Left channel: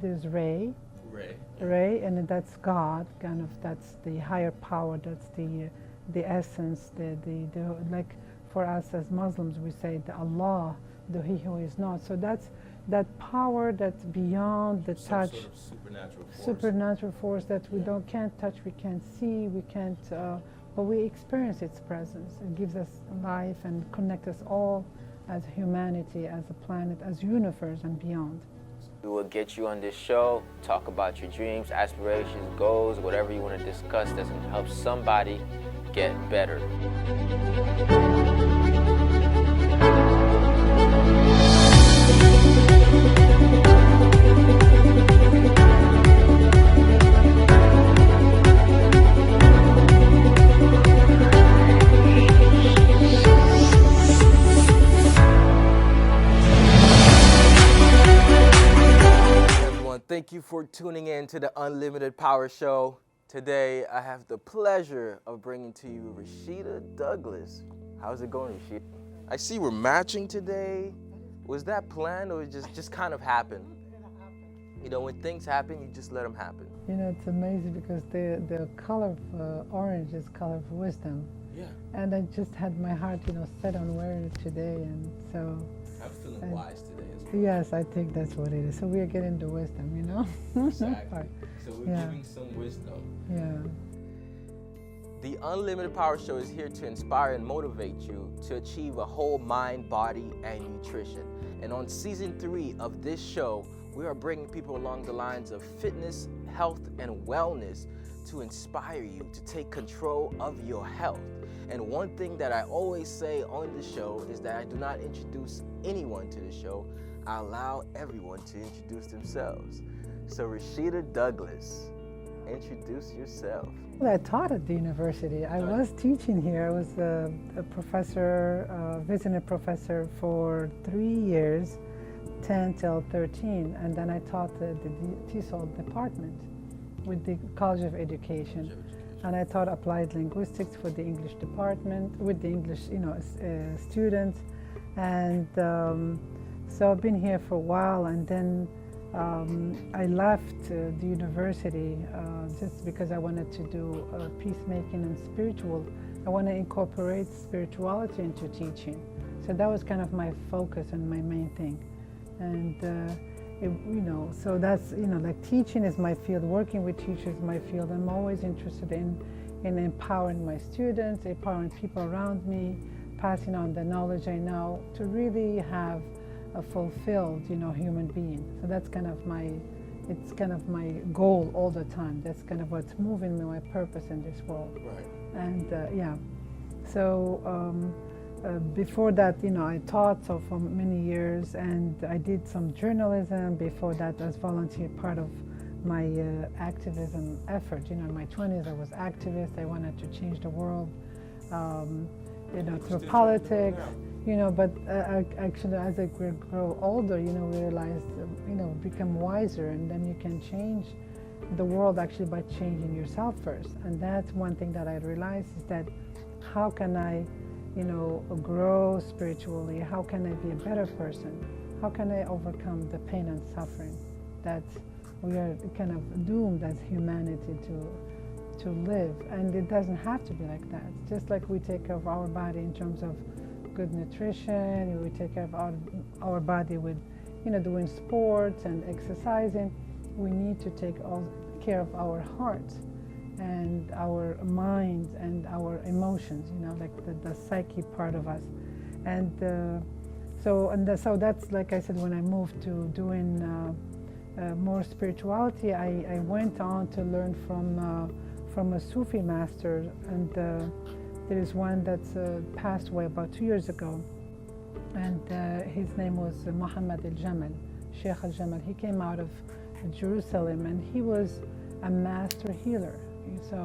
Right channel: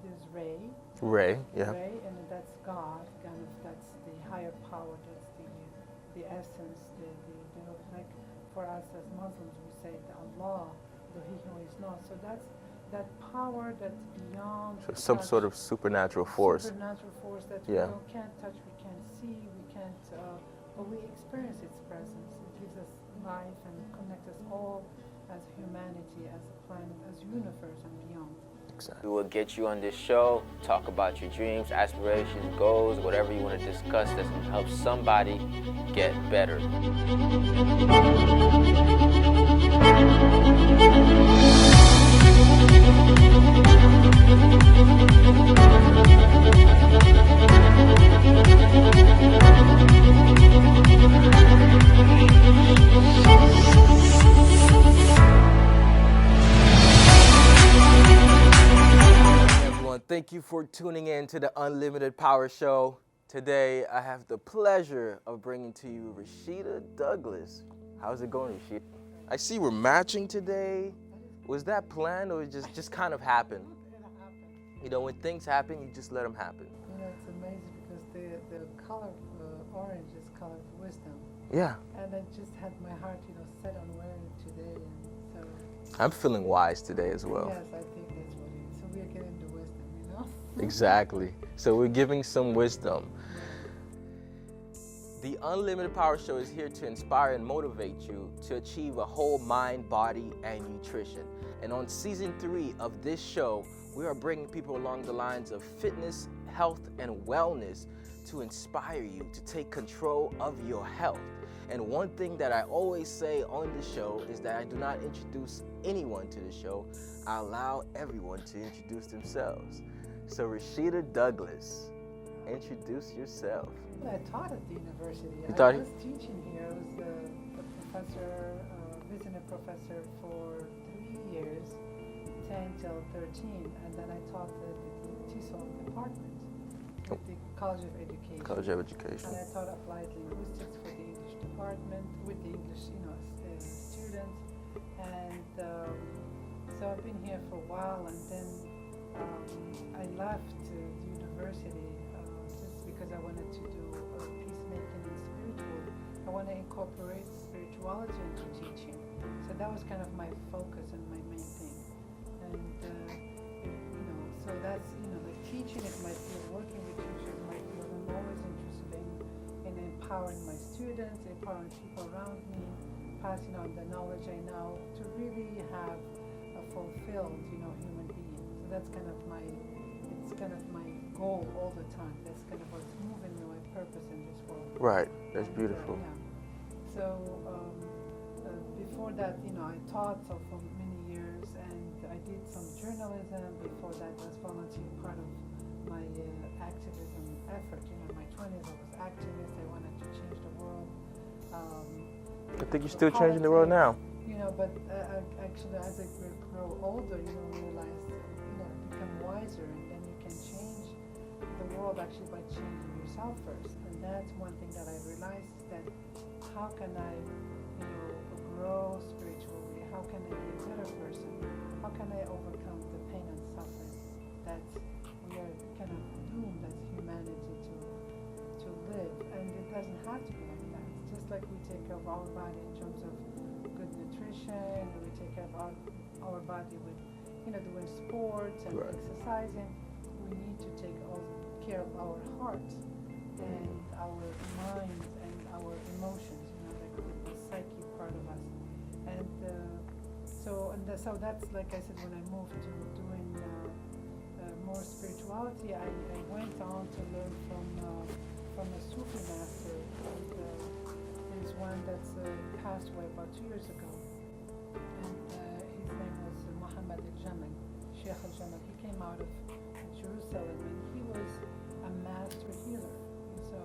There's Rei. Rei, yeah. Rei, and that's God. Kind of that's the higher power. That's the essence. The like for us as Muslims, we say the Allah, the He who is not. So that's that power that's beyond the Some touch. sort of supernatural force. Supernatural force that Yeah. we can't touch, we can't see, we can't, but we experience its presence. It gives us life and connects us all as humanity, as a planet, as universe and beyond. Exactly. We will get you on this show, talk about your dreams, aspirations, goals, whatever you want to discuss that's going to help somebody get better. Thank you for tuning in to the Unlimited Power Show. Today, I have the pleasure of bringing to you Rachida Douglas. How's it going, Rachida? I see we're matching today. Was that planned or just kind of happened? You know, when things happen, you just let them happen. You know, it's amazing because the color of orange is color of wisdom. Yeah. And I just had my heart, set on wearing it today, and so. I'm feeling wise today as well. Yes, I think that's what it is. So we are getting the wisdom, Exactly. So we're Yeah. giving some wisdom. Yeah. The Unlimited Power Show is here to inspire and motivate you to achieve a whole mind, body, and nutrition. And on season 3 of this show, we are bringing people along the lines of fitness, health, and wellness to inspire you to take control of your health. And one thing that I always say on the show is that I do not introduce anyone to the show. I allow everyone to introduce themselves. So Rachida Douglas, introduce yourself. Well, I taught at the university. I was teaching here. I was a professor, visiting professor for 3 years, 10 till 13, and then I taught the TESOL department with the College of Education. College of Education. And I taught applied linguistics for the English department with the English, students. And so I've been here for a while, and then I left the university just because I wanted to do peacemaking and spiritual. I want to incorporate spirituality into teaching. So that was kind of my focus and my main thing. And so that's, like teaching is my field, working with teachers is my field. I'm always interested in empowering my students, empowering people around me, passing on the knowledge I know to really have a fulfilled, human being. So that's kind of my goal all the time. That's kind of what's moving me, my purpose in this world. Right, that's beautiful. Yeah. So before that, I taught for many years, and I did some journalism before that as volunteer, part of my activism effort. In my 20s, I was activist. I wanted to change the world. I think you're still changing the world now. But actually, as I grow older, realized, become wiser, and then you can change the world actually by changing yourself first. And that's one thing that I realized is that how can I, grow spiritually? How can I be a better person? How can I overcome the pain and suffering that we are kind of doomed as humanity to live? And it doesn't have to be like that. Just like we take care of our body in terms of good nutrition, we take care of our body with, doing sports and exercising. We need to take care of our heart and our minds and our emotions, like the psyche part of us. And so that's, like I said, when I moved to doing more spirituality, I went on to learn from a Sufi master, and there is one that's passed away about 2 years ago, and his name was Muhammad al-Jamal, Sheikh al-Jamal. He came out of Jerusalem, and he was a master healer. So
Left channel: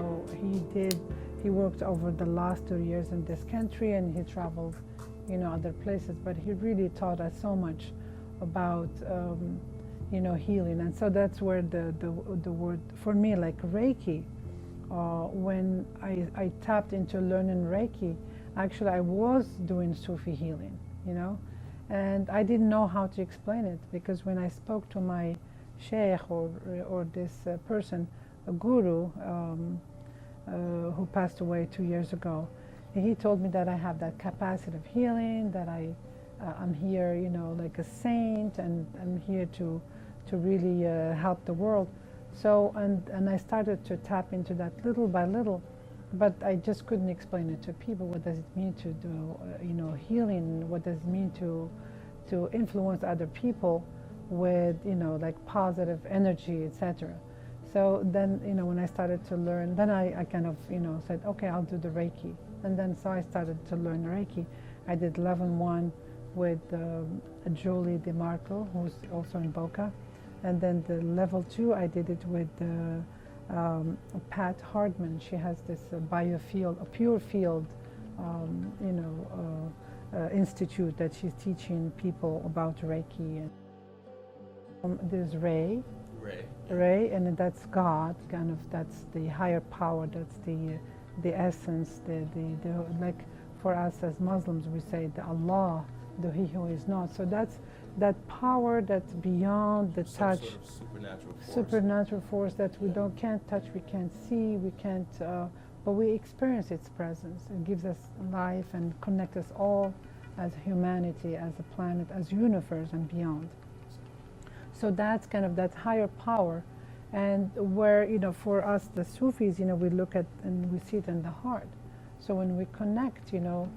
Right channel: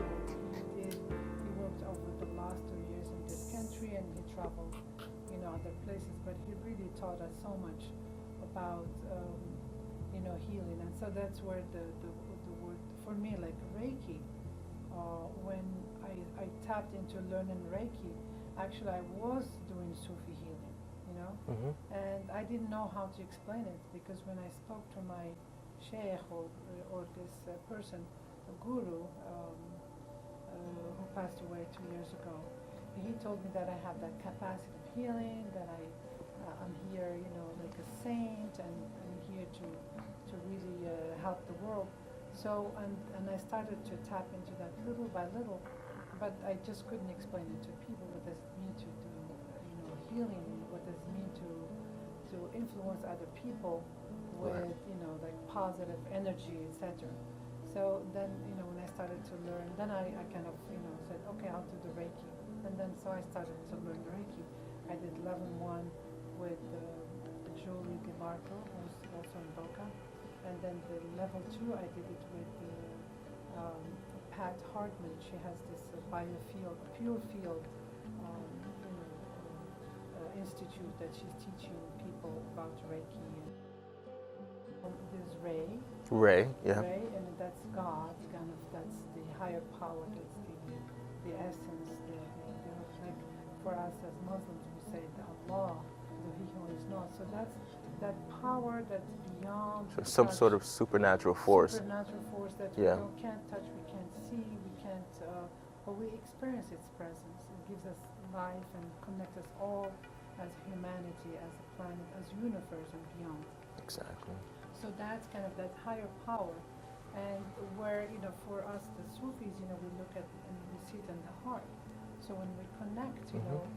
he worked over the last 2 years in this country, and he traveled, other places, but he really taught us so much about, healing. And so that's where the word, for me, like Rei Ki, when I tapped into learning Reiki, actually I was doing Sufi healing, and I didn't know how to explain it, because when I spoke to my sheikh or this person, a guru, who passed away 2 years ago. He told me that I have that capacity of healing, that I'm here, you know, like a saint, and I'm here to really help the world. So, and I started to tap into that little by little, but I just couldn't explain it to people. What does it mean to do, you know, healing? What does it mean to influence other people with, you know, like positive energy, etc. So then, you know, when I started to learn, then I kind of, you know, said, okay, I'll do the Reiki. And then so I started to learn Reiki. I did level 1 with Julie DeMarco, who's also in Boca. And then the level 2, I did it with Pat Hardman. She has this biofield, a pure field, you know, institute that she's teaching people about Reiki. There's Rei. Rei, yeah. Rei, and that's God, kind of, that's the higher power, that's the essence, the like for us as Muslims we say the Allah, the He who is not. So that's that power that's beyond the some touch, sort of supernatural force. Supernatural force that Yeah. we can't touch, we can't see, we can't, but we experience its presence. It gives us life and connects us all as humanity, as a planet, as universe and beyond. Exactly. So that's kind of that higher power, and where, you know, for us the Sufis, you know, we look at and we see it in the heart. So when we connect, you know,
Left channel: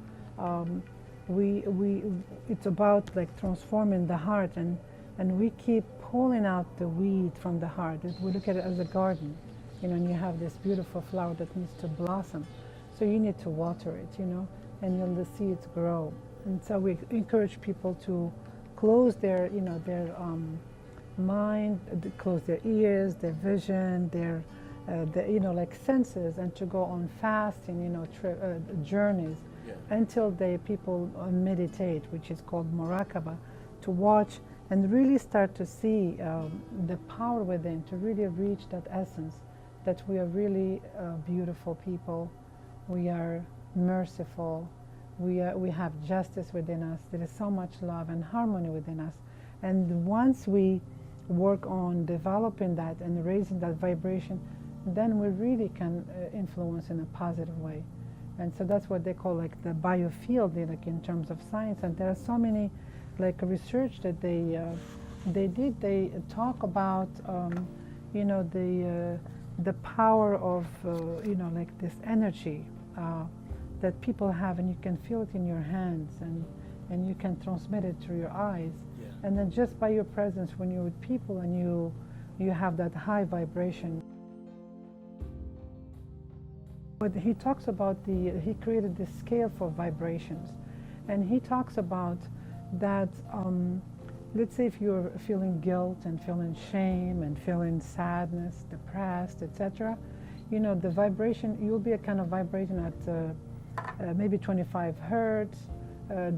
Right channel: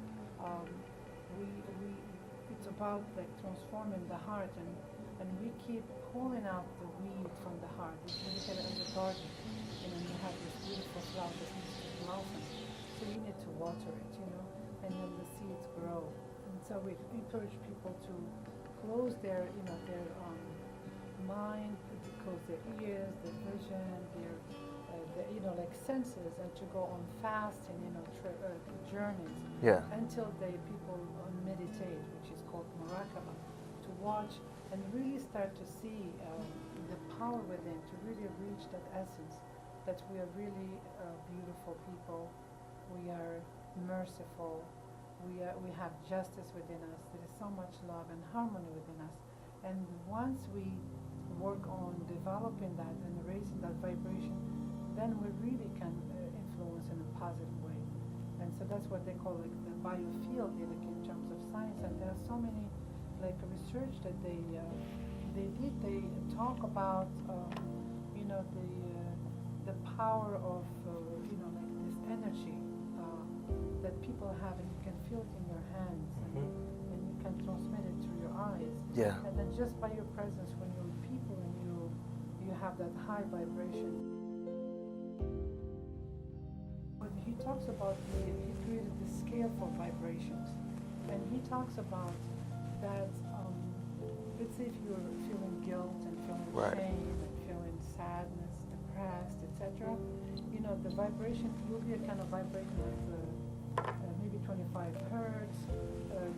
it's about like transforming the heart, and we keep pulling out the weed from the heart. We look at it as a garden, you know, and you have this beautiful flower that needs to blossom. So you need to water it, you know, and you'll see it grow. And so we encourage people to close their, you know, their mind, close their ears, their vision, their you know, like senses, and to go on fasting, you know, journeys, Yeah. until people meditate, which is called muraqaba, to watch and really start to see the power within, to really reach that essence that we are really beautiful people, we are merciful, we have justice within us, there is so much love and harmony within us. And once we work on developing that and raising that vibration, then we really can influence in a positive way. And so that's what they call like the biofield, like in terms of science. And there are so many like research that they did. They talk about you know, the power of you know, like this energy that people have, and you can feel it in your hands, and you can transmit it through your eyes. Yeah. And then just by your presence, when you're with people and you have that high vibration. But he talks about he created this scale for vibrations. And he talks about that, let's say if you're feeling guilt and feeling Right. shame and feeling sadness, depressed, etc., you know, the vibration, you'll be kind of vibrating at maybe 25 hertz.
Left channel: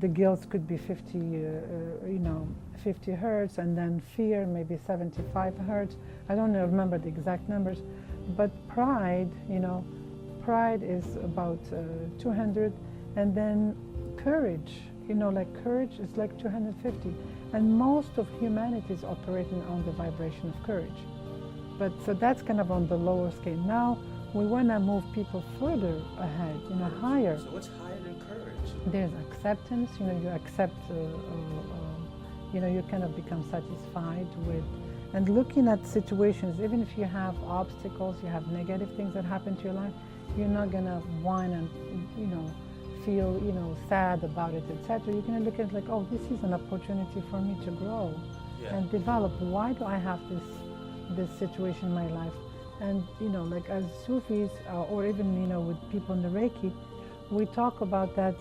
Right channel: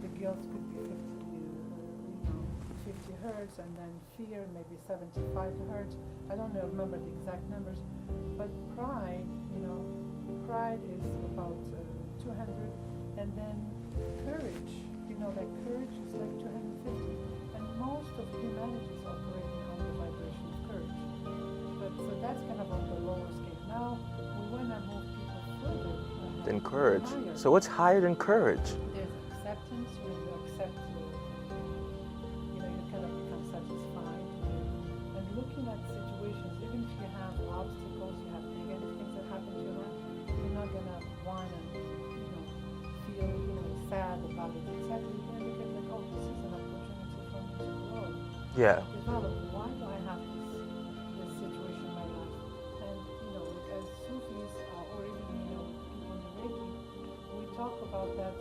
The guilt could be 50, you know, 50 hertz, and then fear maybe 75 hertz. I don't remember the exact numbers, but pride, you know, pride is about 200, and then courage, you know, like courage is like 250, and most of humanity is operating on the vibration of courage. But so that's kind of on the lower scale. Now we want to move people further ahead, Than courage. higher. So what's higher than courage? There's acceptance, you know, you accept, you know, you kind of become satisfied with, and looking at situations, even if you have obstacles, you have negative things that happen to your life, you're not gonna whine and, you know, feel, you know, sad about it, etc. You're gonna look at it like, oh, this is an opportunity for me to grow Yeah. and develop. Why do I have this situation in my life? And, you know, like as Sufis, or even, you know, with people in the Reiki, we talk about that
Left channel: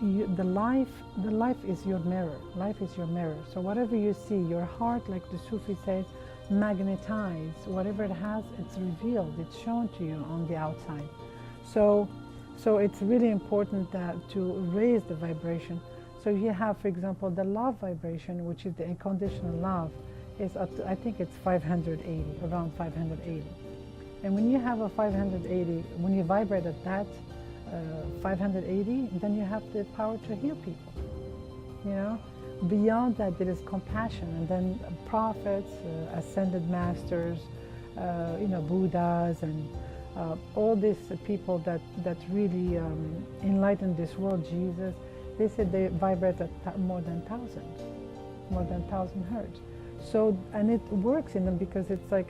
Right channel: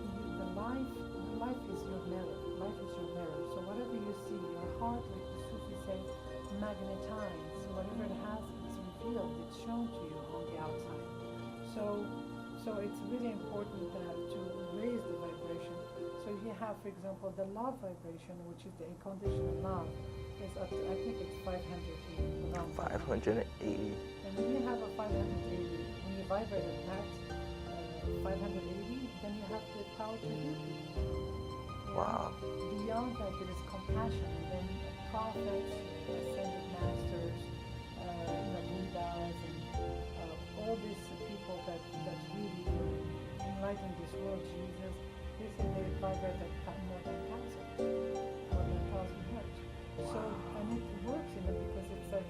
the life is your mirror. Life is your mirror. So whatever you see, your heart, like the Sufi says, magnetize. Whatever it has, it's revealed. It's shown to you on the outside. So it's really important that to raise the vibration. So you have, for example, the love vibration, which is the unconditional love, is up to, I think it's 580, around 580. 580. And when you have a 580, when you vibrate at that 580, then you have the power to heal people. You know? Wow. Beyond that, there is compassion, and then prophets, ascended masters, Buddhas, and all these people that really enlightened this world, Jesus, they said they vibrate at more than 1,000 hertz. So, and it works in them because it's like,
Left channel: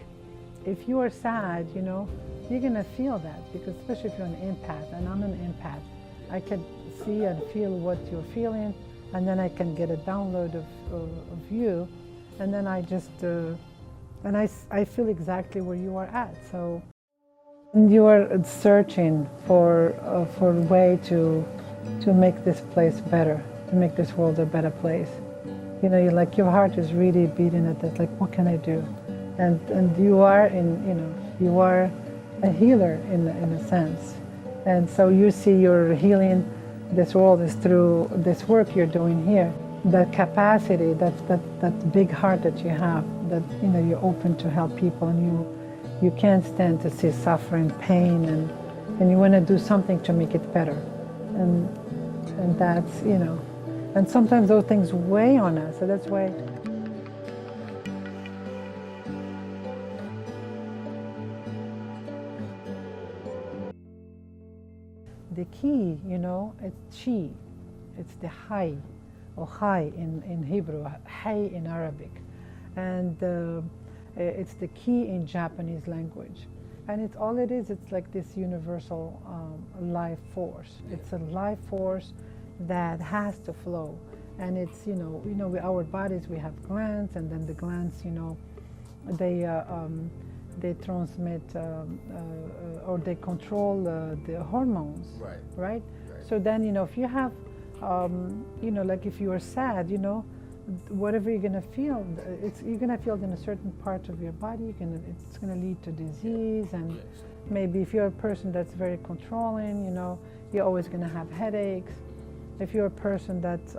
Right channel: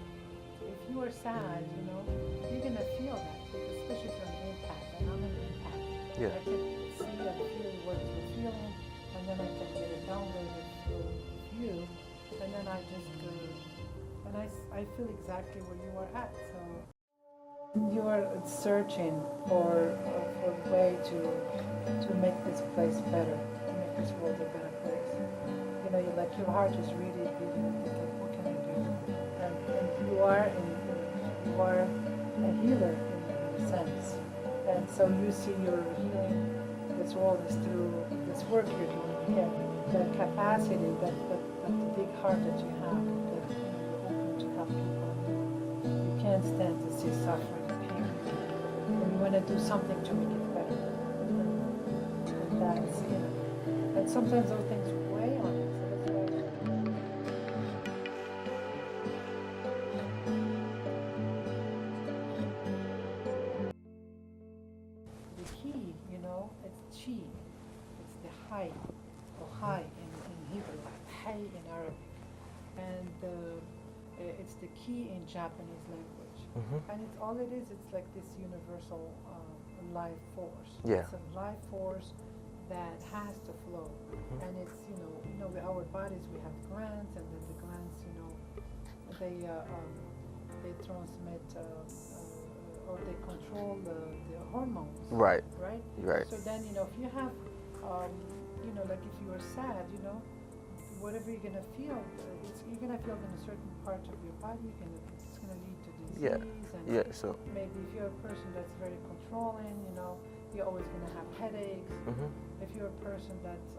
if you are sad, you're gonna feel that, because especially if you're an empath, and I'm an empath, Yeah. I can see and feel what you're feeling, and then I can get a download of you, and then I just, and I feel exactly where you are at. So you are searching for a way to make this place better, to make this world a better place. You're like, your heart is really beating at it, like, what can I do? And you are you are a healer in a sense. And so you see your healing this world is through this work you're doing here. That capacity, that big heart that you have, that you're open to help people, and you can't stand to see suffering, pain, and you want to do something to make it better. And that's, and sometimes those things weigh on us, so that's why. The key, it's chi, it's the hai, or hai in Hebrew, hai in Arabic, and it's the ki in Japanese language. Mm-hmm. And it's all it is, it's like this universal life force. Yeah. It's a life force that has to flow. And it's, with our bodies, we have glands, and then the glands, they transmit or they control the hormones. Right. Right? Right. So then, if you have, like if you are sad, whatever you're gonna feel, you're gonna feel it in a certain part of your body. It's gonna lead to disease, and So maybe if you're a person that's very controlling, you're always gonna have headaches. mm-hmm. If you're a person that's,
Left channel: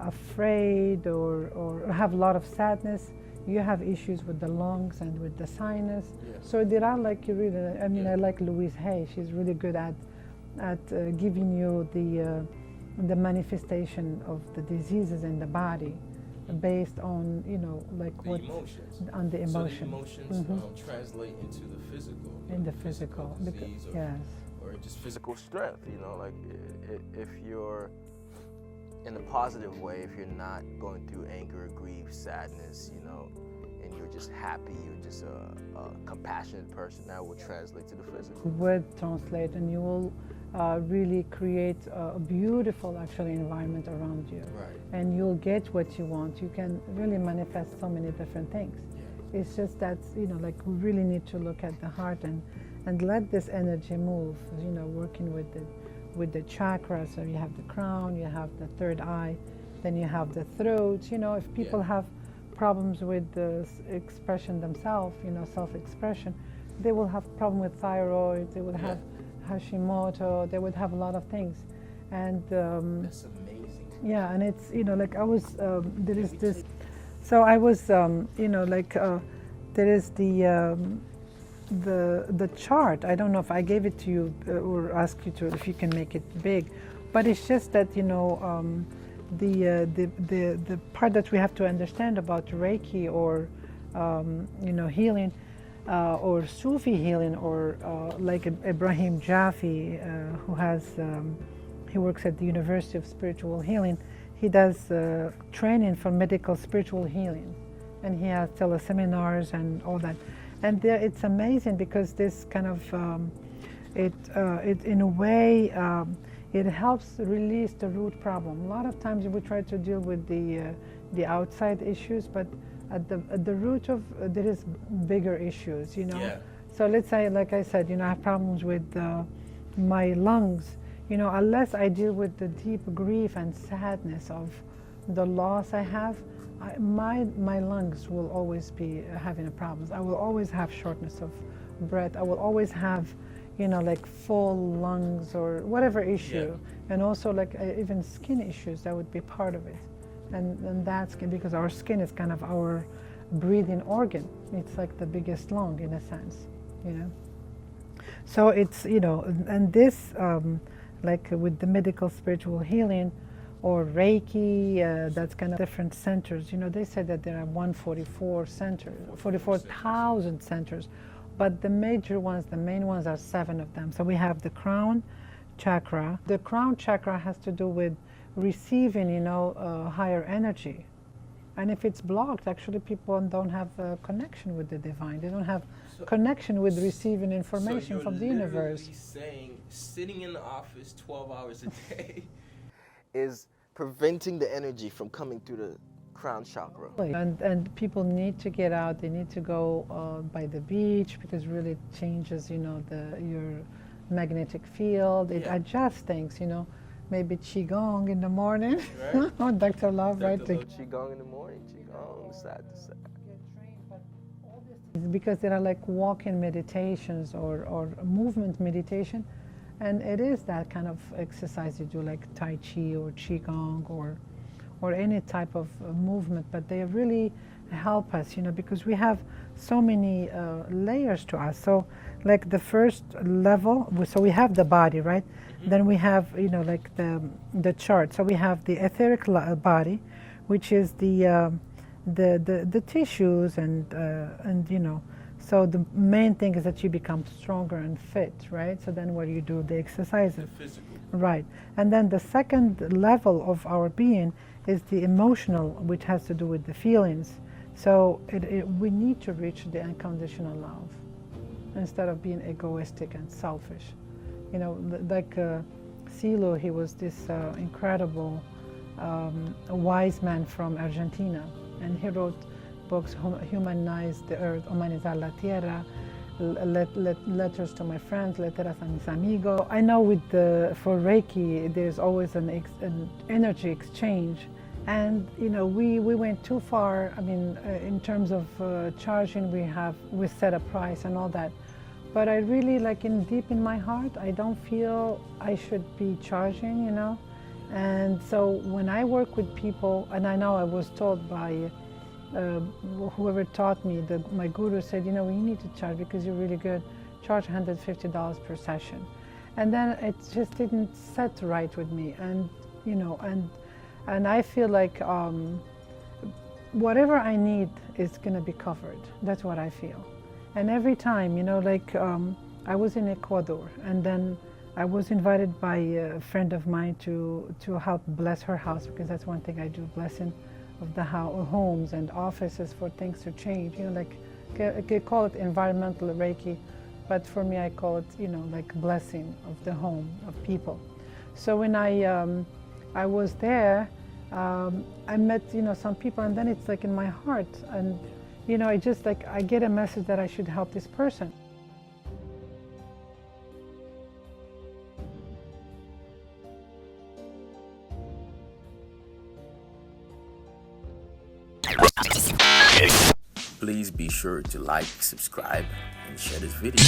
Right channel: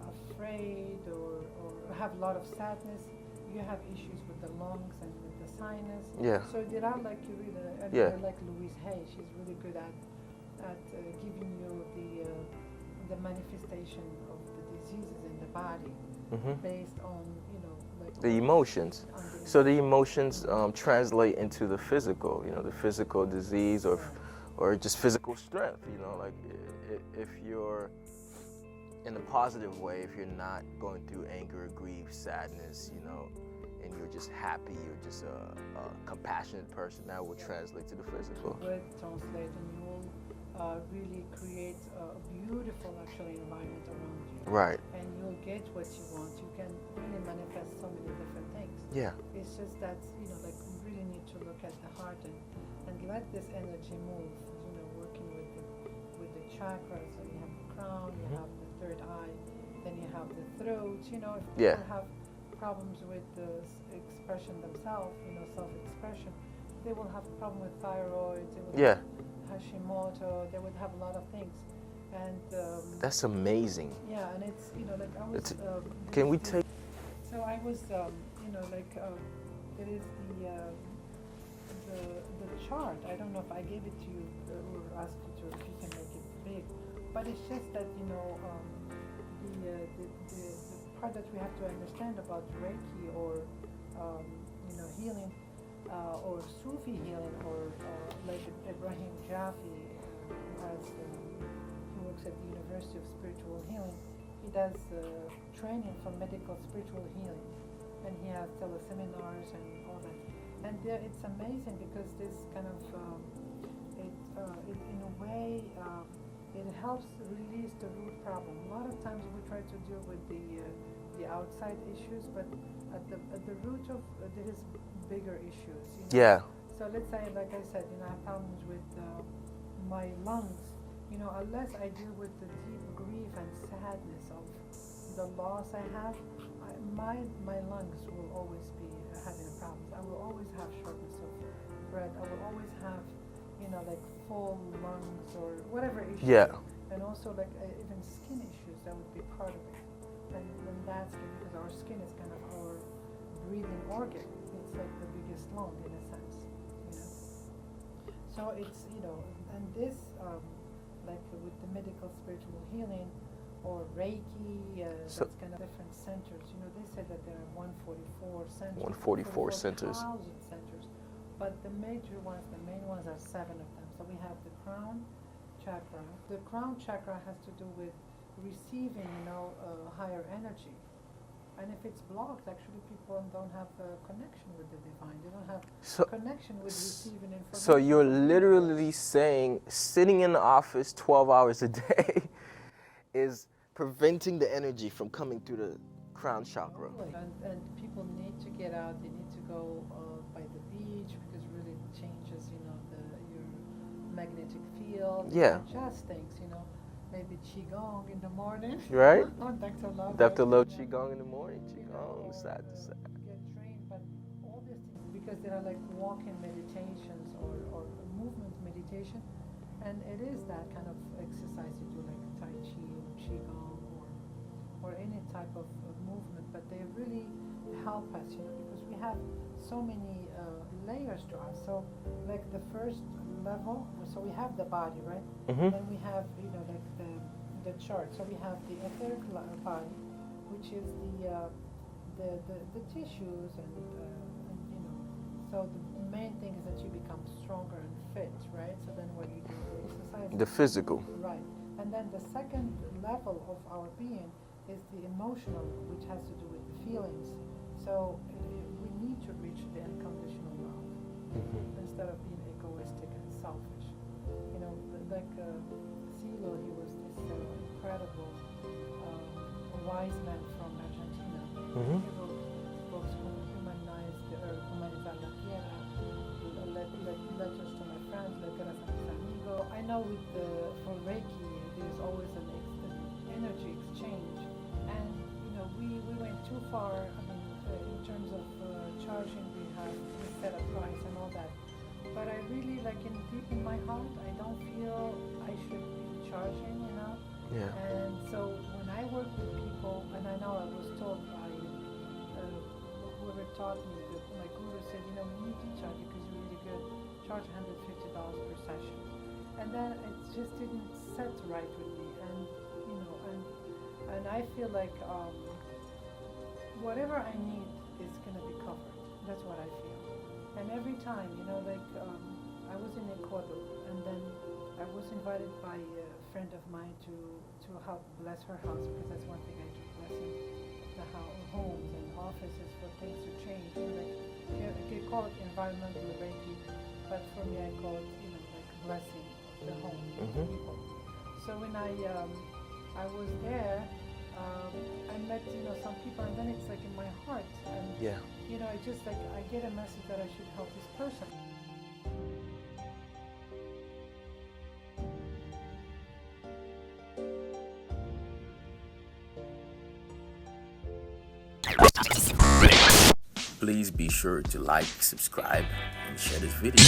afraid or have a lot of sadness, you have issues with the lungs and with the sinus. Yeah. So there are like really, Yeah. I like Louise Hay. She's really good at giving you the manifestation of the diseases in the body, mm-hmm. based on like the emotions. On the So the emotions. emotions translate into the physical, In the physical disease yes. or just physical strength. Like if you're in a positive way, if you're not going through anger, grief, sadness, and you're just happy, you're just a compassionate person, that will translate to the physical. Would translate, and you will really create a beautiful, actually, environment around you. Right. And you'll get what you want. You can really manifest so many different things. Yeah. It's just that, like, we really need to look at the heart and let this energy move, working with the chakras. So you have the crown, you have the third eye, then you have the throat. If people have problems with the expression themselves, self-expression, they will have problem with thyroid, they would have Hashimoto, they would have a lot of things. And that's amazing. Yeah, and it's, like I was, can we take? So I was, there is the chart. I don't know if I gave it to you or asked you to, if you can make it big, but it's just that, the part that we have to understand about Rei Ki or, healing, or Sufi healing, or like Ibrahim Jaffe, who has, he works at the University of Spiritual Healing. He does training for medical spiritual healing, and he has teleseminars and all that. And it's amazing because this kind of, it in a way, it helps release the root problem. A lot of times we try to deal with the outside issues, but at the root of there is bigger issues, Yeah. So let's say, like I said, I have problems with my lungs. Unless I deal with the deep grief and sadness of the loss I have, my lungs will always be having a problem. I will always have shortness of breath. I will always have, like full lungs or whatever issue. Yeah. And also like even skin issues, that would be part of it. And that's because our skin is kind of our breathing organ. It's like the biggest lung in a sense, So it's, and this like with the medical spiritual healing, or Rei Ki, that's kind of different centers. You know, they said that there are 144 centers, 44,000 centers, but the major ones, the main ones, are 7 of them. So we have the crown chakra. The crown chakra has to do with receiving, you know, higher energy. And if it's blocked, actually people don't have a connection with the divine. They don't have connection with receiving information. So you're from the literally universe. saying sitting in the office 12 hours a day is preventing the energy from coming through the crown chakra. And people need to get out. They need to go by the beach, because really it changes, you know, your magnetic field. It adjusts things, you know. Maybe Qigong in the morning. Right. Dr. Love. Dr. Love Qigong in the morning, Qigong side to side. Get trained, but all these things, because there are like walk-in meditations or movement meditation, and it is that kind of exercise you do, like Tai Chi or Qigong or any type of movement, but they really help us, you know, because we have so many layers to us. So like the first level, so we have the body, right? Then we have, you know, like the chart. So we have the etheric body, which is the tissues and you know. So the main thing is that you become stronger and fit, right? So then what do you do? The exercises. The physical. Right. And then the second level of our being is the emotional, which has to do with the feelings. So we need to reach the unconditional love instead of being egoistic and selfish. You know, like Silo, he was this incredible wise man from Argentina, and he wrote books, Humanize the Earth, Humanizar la Tierra, Letters to My Friends, Letras a Mis Amigos. I know for Rei Ki, there's always an energy exchange. And you know, we went too far. I mean, in terms of charging, we set a price and all that. But I really, like, deep in my heart, I don't feel I should be charging, you know. Yeah. And so when I work with people, and I know I was told by whoever taught me, my guru said, you know, you need to charge because you're really good. Charge $150 per session. And then it just didn't set right with me, and you know, and I feel like whatever I need is going to be covered. That's what I feel. And every time, you know, like I was in Ecuador, and then I was invited by a friend of mine to help bless her house, because that's one thing I do, blessing of the homes and offices for things to change. You know, like I could call it environmental Reiki, but for me I call it, you know, like blessing of the home of people. So when I was there, I met, you know, some people, and then it's like in my heart, and you know, I get a message that I should help this person. Please be sure to like, subscribe, and share this video.